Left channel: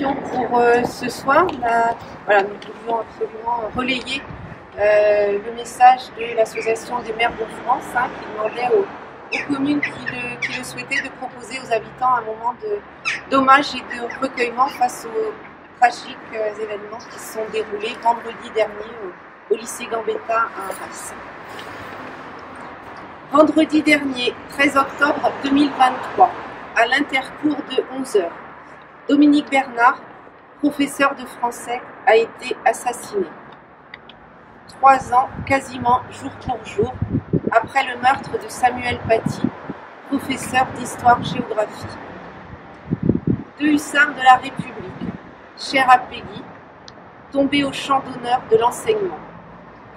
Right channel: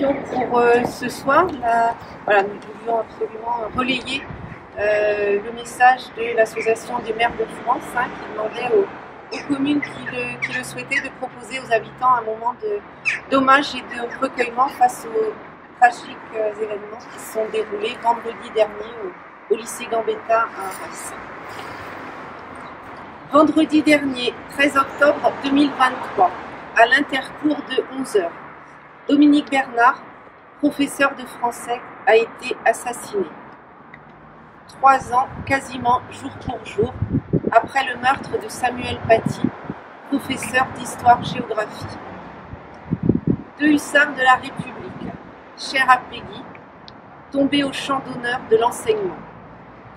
Pour ce soir, voilà, nous voulions absolument relayer le message de l'Association des maires de France qui demandait aux communes qui le souhaitaient de proposer aux habitants un moment d'hommage et de recueillement face aux tragiques événements qui se sont déroulés vendredi dernier au lycée Gambetta à Arras. Vendredi dernier, 13 octobre 2023, à l'intercours de 11h, Dominique Bernard, professeur de français, a été assassiné. 3 ans, quasiment jour pour jour, après le meurtre de Samuel Paty, professeur d'histoire-géographie. 2 hussards de la République, chers à Peggy, tombés au champ d'honneur de l'enseignement.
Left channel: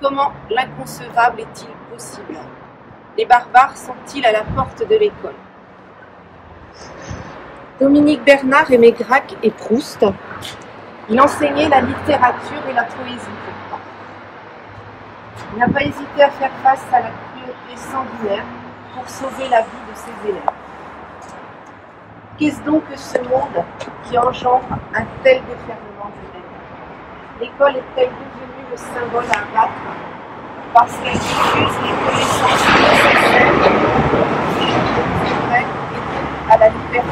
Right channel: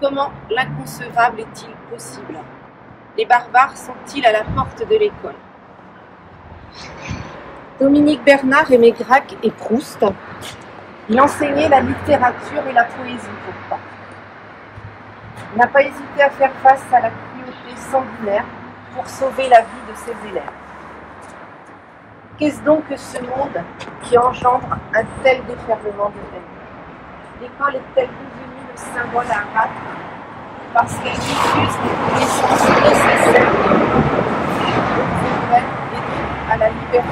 Comment l'inconcevable est-il possible? Les barbares sont-ils à la porte de l'école? Dominique Bernard aimait Gracq et Proust. Il enseignait la littérature et la poésie pourtant. Il n'a pas hésité à faire face à la cruauté sanguinaire pour sauver la vie de ses élèves. Qu'est-ce donc que ce monde qui engendre un tel déferlement de haine? L'école est-elle devenue le symbole à battre parce qu'elle diffuse les connaissances nécessaires au progrès et donc à la liberté?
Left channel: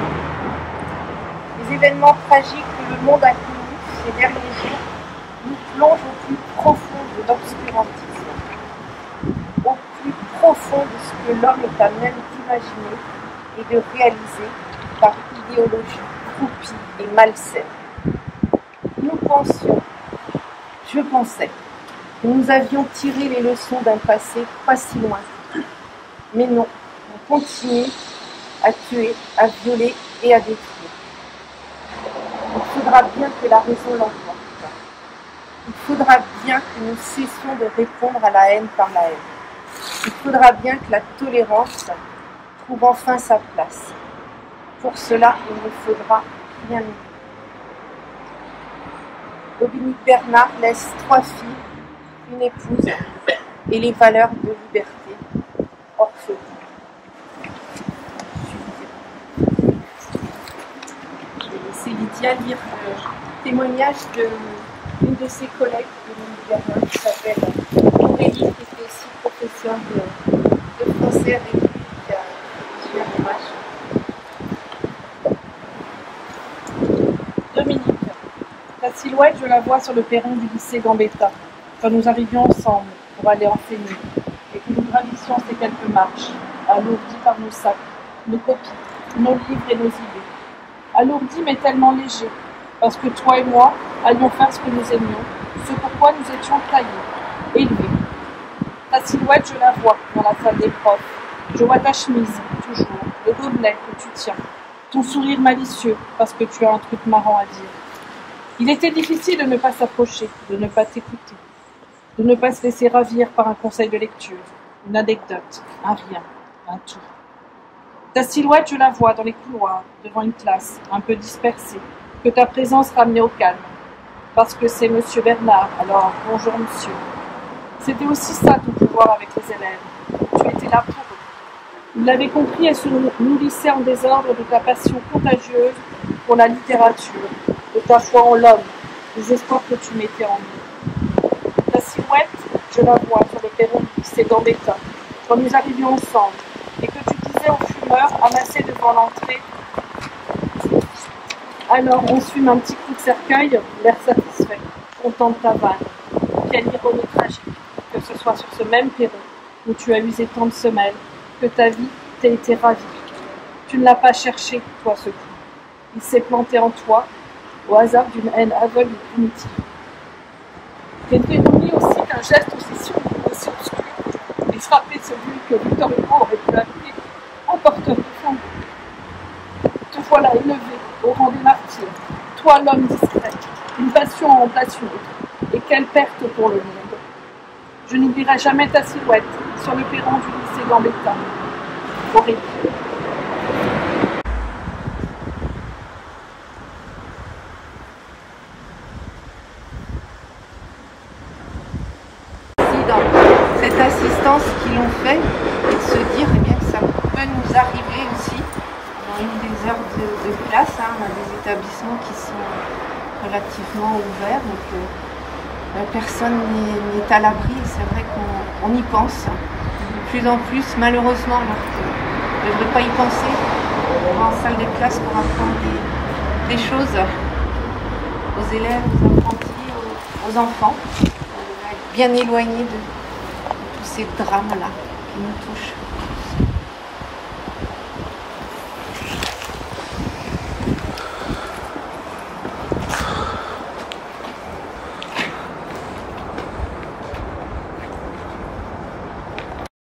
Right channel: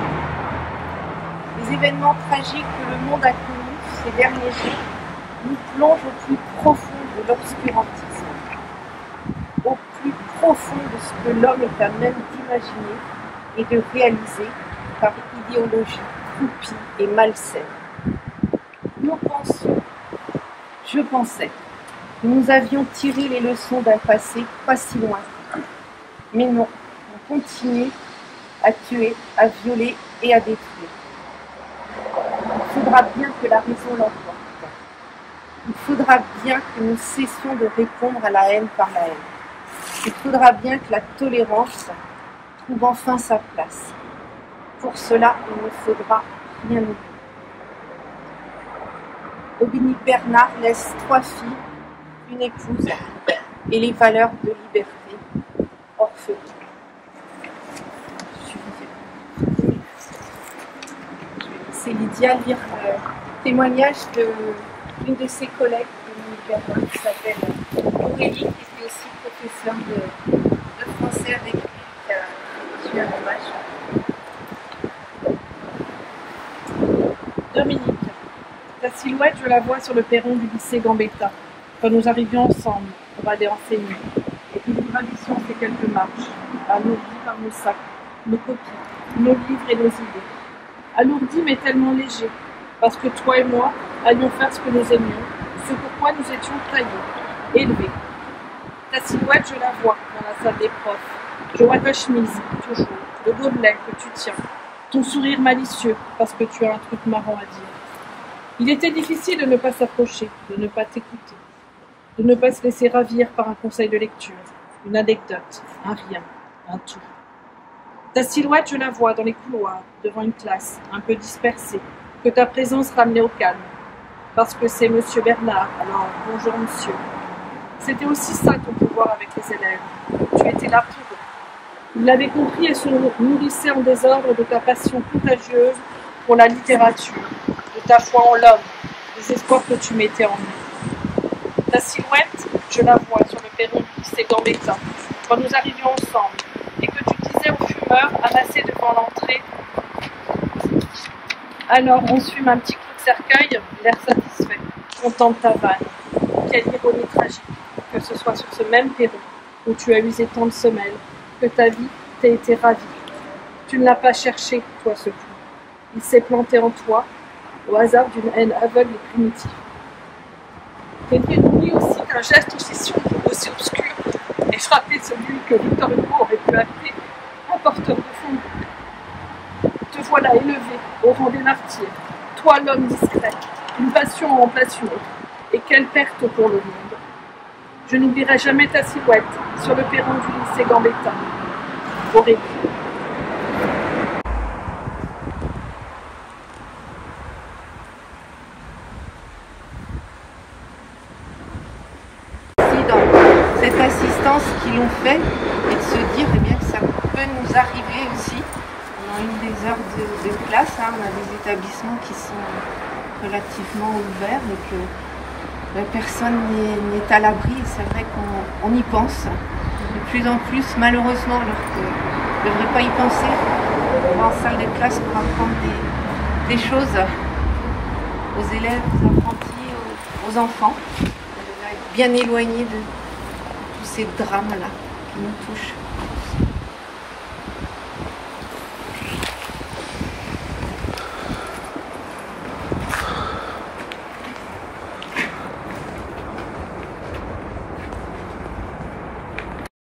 Les événements tragiques que le monde a connus ces derniers jours nous plongent au plus profond de l'obscurantisme, au plus profond de ce que l'homme est à même d'imaginer et de réaliser par idéologie croupie et malsaine. Nous pensions, je pensais, que nous avions tiré les leçons d'un passé pas si loin. Mais non, on continue à tuer, à violer et à détruire. Il faudra bien que la raison l'emporte. Il faudra bien que nous cessions de répondre à la haine par la haine. Il faudra bien que la tolérance trouve enfin sa place. Pour cela, il ne faudra rien oublier. Dominique Bernard laisse 3 filles, une épouse et les valeurs de liberté orphelines. C'est Lydia lire le témoignage d'une de ses collègues, Dominique Bernard, qui s'appelle Aurélie, qui était aussi professeure de français avec lui, qui a reçu un hommage. Dominique, ta silhouette, je la vois sur le perron du lycée Gambetta, quand nous arrivions ensemble pour aller enseigner, et que nous gravissions ces quelques marches, alourdis par nos sacs, nos copies, nos livres et nos idées. Alourdi mais tellement léger, parce que toi et moi allions faire ce que nous aimions, ce pourquoi nous étions taillés, élevés. Ta silhouette, je la vois dans la salle des profs. Je vois ta chemise, toujours, le gobelet que tu tiens, ton sourire malicieux, parce que tu as un truc marrant à dire. Il était difficile de ne pas s'approcher, de ne pas t'écouter, de ne pas se laisser ravir par un conseil de lecture, une anecdote, un rien, un tout. Ta silhouette, je la vois dans les couloirs, devant une classe, un peu dispersée, que ta présence ramenait au calme. Parce que c'est Monsieur Bernard, alors bonjour monsieur. C'était aussi ça ton pouvoir avec les élèves. Tu étais là pour eux. Ils l'avaient compris et se nourrissaient en désordre de ta passion contagieuse pour la littérature, de ta foi en l'homme, des espoirs que tu mettais en eux. Ta silhouette, je la vois sur le perron du lycée Gambetta, quand nous arrivions ensemble, et que tu disais aux fumeurs amassés devant l'entrée. Alors on se fume un petit coup de cercueil, l'air satisfait, content de ta vanne. Quelle ironie tragique, que ce soit sur ce même perron où tu as usé tant de semelles, que ta vie t'ait été ravie. Tu ne l'as pas cherché, toi, ce coup. Il s'est planté en toi, au hasard d'une haine aveugle et primitive. Quelle ironie aussi qu'un geste aussi sombre, aussi obscur, ait frappé celui que Victor Hugo aurait pu appeler un porteur de flambeau. Te voilà élevé au rang des martyrs, toi l'homme discret, une passion en remplace une autre, et quelle perte pour le monde. Je n'oublierai jamais ta silhouette sur le perron du lycée Gambetta. Aurélie. Dans cette assistance qu'ils l'ont fait et de se dire eh bien, que ça peut nous arriver aussi. On dans une des heures de classe. Hein. On a des établissements qui sont relativement ouverts, donc la personne n'est à l'abri. Et c'est vrai qu'on y pense de plus en plus, malheureusement, alors qu'on ne devrait pas y penser. On va en salle de classe pour apprendre des choses aux élèves, aux apprentis, aux enfants. On devrait être bien éloigné de tous ces drames-là qui nous touchent.